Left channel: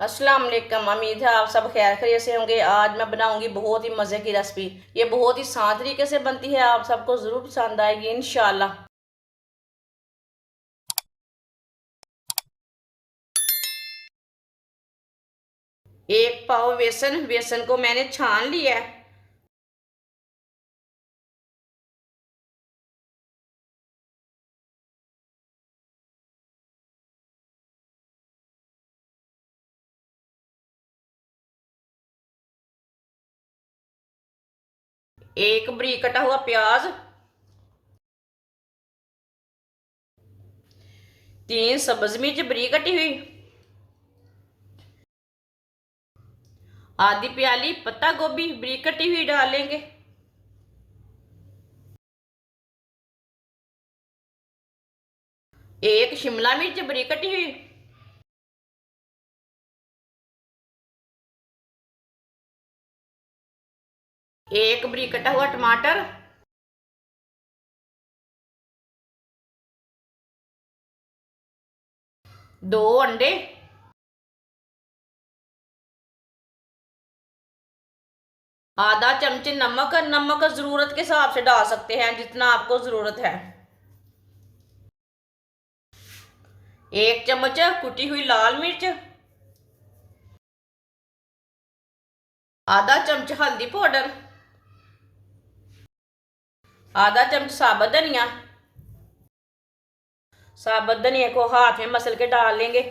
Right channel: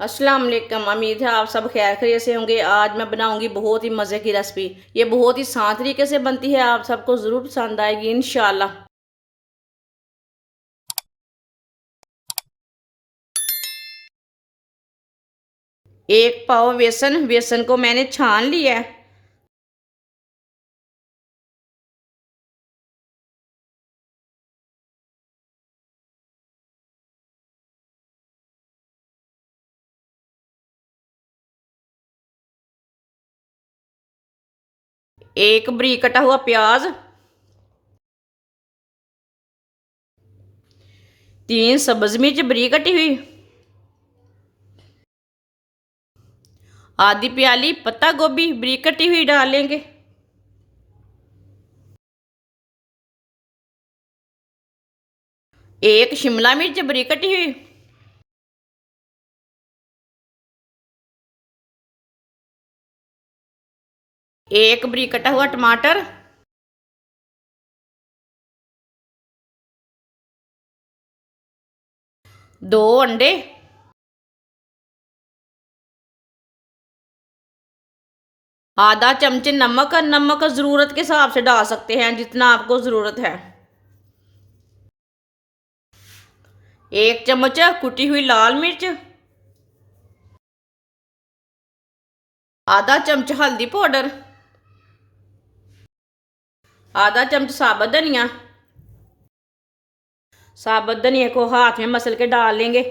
अस्सलाम वालेकुम। उम्मीद है आप सब खैर खैरियत से होंगे। आज मैं बनाऊंगी बहुत ही मज़े की रेसिपी। ये बहुत ही आसान तरीके से बनती है, आप सबको ज़रूर पसंद आएगी इंशाल्लाह। एक पाव बेसन, बेसन को मैंने छान लिया है। एक बरीक कटा हुआ प्याज, 3 सब्ज मिर्च बरीक कटी हुई, आधी प्याली पत्ता गोभी बरीक कटी हुई डालेंगे। एक शिमला मिर्च बरीक कटी हुई, एक बरीक कटा हुआ टमाटर, दो अंडे, आधा चमच नमक। नमक ज़रूरत के हिसाब से डाल सकते हैं, जितना आपको ज़रूरत है। एक चम्मच कुटी हुई लाल मिर्च, आधा चमच हल्दी पाउडर, आधा चमच साबुत धनिया। साबुत धनिया को हाथ में मसल के डाल लेंगे।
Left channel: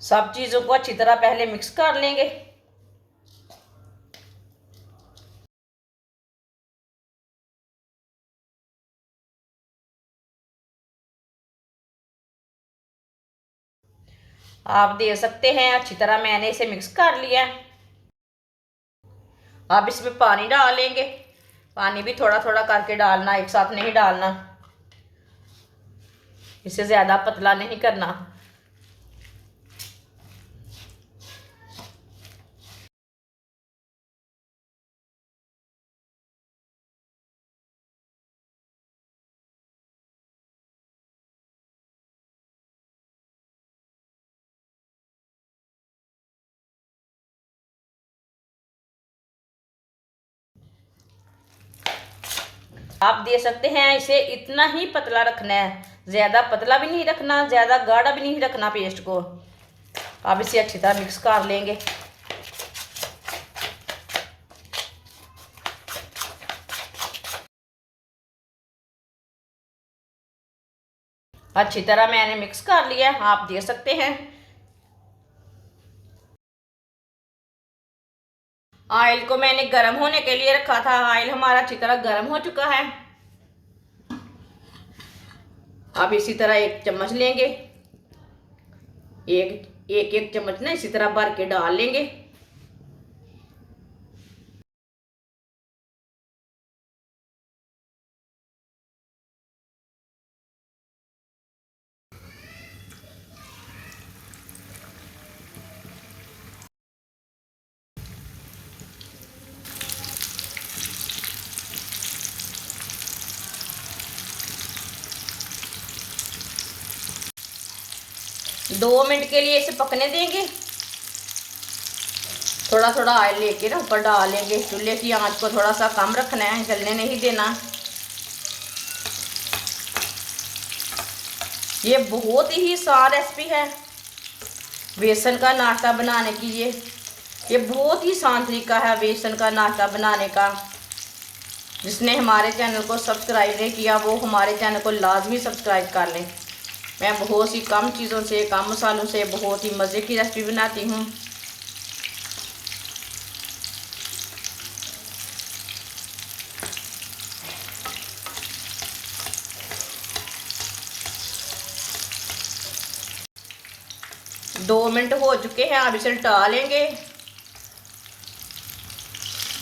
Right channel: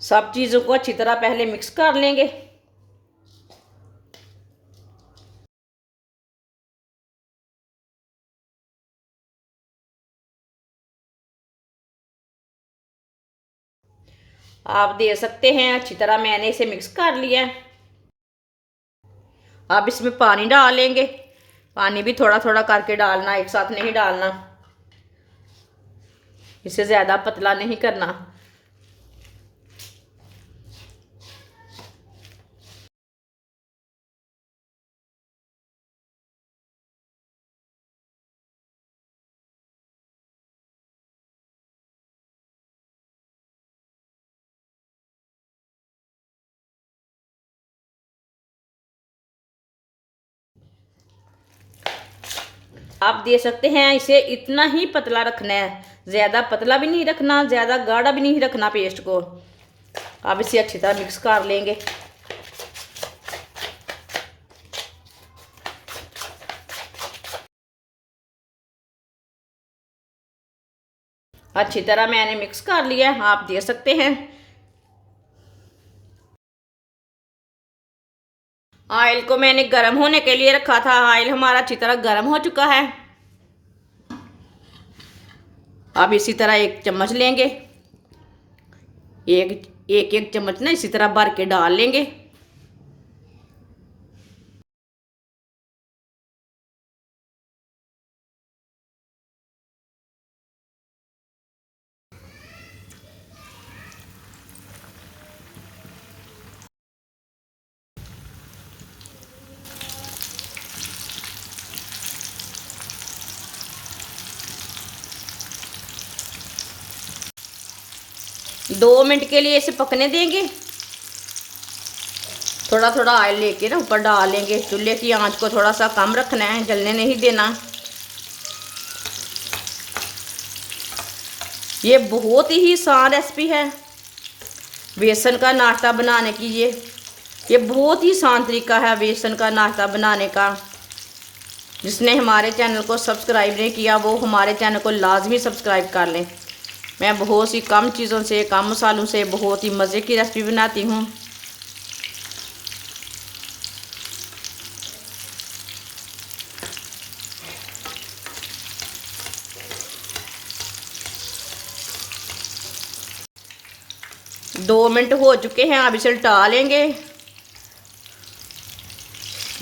सब चीज़ों को अच्छी तरह पहले मिक्स कर लेंगे। आप दे सकते हैं, अच्छी तरह मैंने इसे मिक्स कर लिया है। अब इसमें पानी डालेंगे। पानी भी थोड़ा थोड़ा करके डालना, एक साथ नहीं डालना। इसे ज़्यादा पतला नहीं करना। आप दे सकते हैं, इसे इतना ही पतला रखना है, ज़्यादा पतला भी नहीं रखना, ज़्यादा गाढ़ा भी नहीं रखना पेस्ट को। आप इसे अच्छी तरह मिक्स कर लेंगे। अच्छी तरह मैंने मिक्स कर लिया, आप दे सकते हैं। ऑयल को मैंने गर्म होने के लिए रखा था। ऑयल हमारा अच्छी तरह गर्म हो चुका है। अब इसी तरह एक चम्मच लेंगे, एक चम्मच ना इसी तरह भर के डाल लेंगे। दो मिनट के लिए इसे पकने देंगे। थोड़ा थोड़ा ऑयल लेके ना ऊपर डाल लेंगे। चूल्हे की आंच को थोड़ा सा कम रखना है, जलने नहीं देना। ये बहुत ही आसान रेसिपी है बेसन का नाश्ता बनाने की। ये बहुत ही आसान तरीका है बेसन का नाश्ता बनाने का। जिसने हमारे चैनल को सब्सक्राइब नहीं किया वो हमारे चैनल को लाजमी सब्सक्राइब कर लें। मैं बहुत सी कम चीज़ों से, कम मसालों से बहुत ही मज़े की रेसिपी बनाती हूँ। दो मिनट हो चुके हैं, अब इसे उल्टा लेंगे।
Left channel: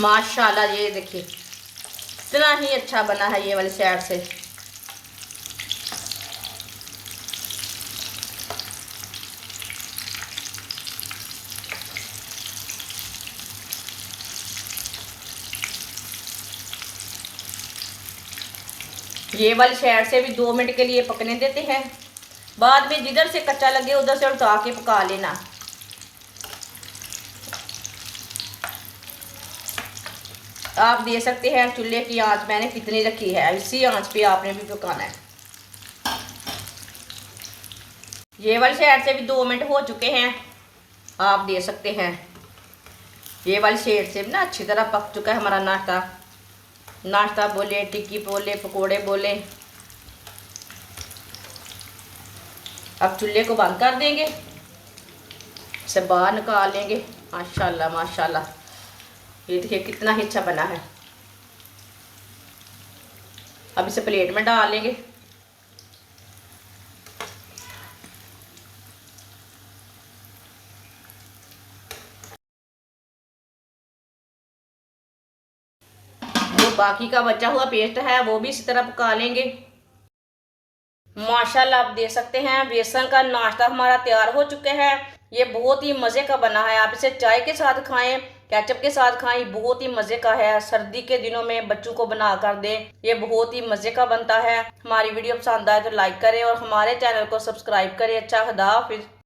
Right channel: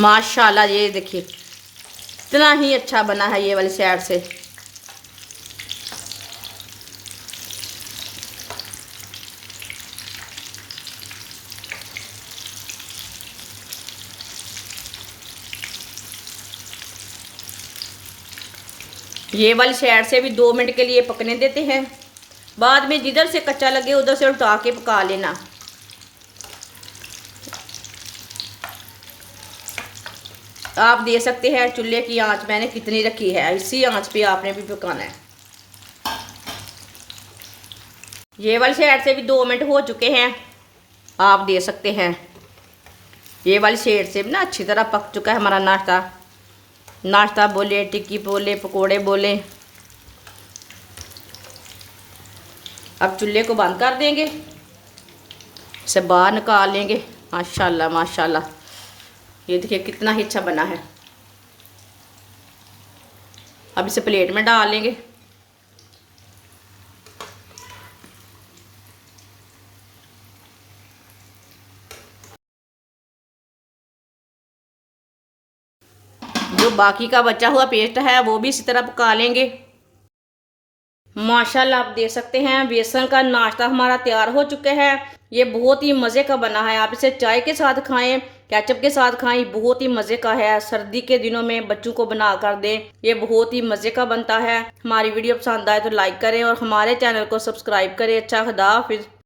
माशाल्लाह, ये देखिए इतना ही अच्छा बना है ये वाली साइड से। ये वाली साइड से भी 2 मिनट के लिए पकने देते हैं। बाद में जिधर से कच्चा लगे उधर से उल्टा के पका लेना। आप दे सकते हैं चूल्हे की आंच मैंने कितनी रखी है, इसी आंच पे आपने भी पकाना है। ये वाली साइड से भी 2 मिनट हो चुके हैं, आप दे सकते हैं। ये वाली साइड से भी ना अच्छी तरह पक चुका है हमारा नाश्ता। नाश्ता बोले, टिक्की बोले, पकोड़े बोले। अब चूल्हे को बंद कर देंगे, इसे बाहर निकाल लेंगे। माशाल्लाह माशाल्लाह, ये देखिए कितना ही अच्छा बना है। अब इसे प्लेट में डाल लेंगे। जो बाकी का बचा हुआ पेस्ट है वो भी इसी तरह पका लेंगे। माशाल्लाह आप देख सकते हैं बेसन का नाश्ता हमारा तैयार हो चुका है। ये बहुत ही मज़े का बना है। आप इसे चाय के साथ खाएं, केचप के साथ खाएं, बहुत ही मज़े का है। सर्दी के दिनों में बच्चों को बना कर दें, ये बहुत ही मज़े का बनता है। हमारी वीडियो पसंद आए तो लाइक करें और हमारे चैनल को सब्सक्राइब करें। अच्छा, खुदा हाफिज़।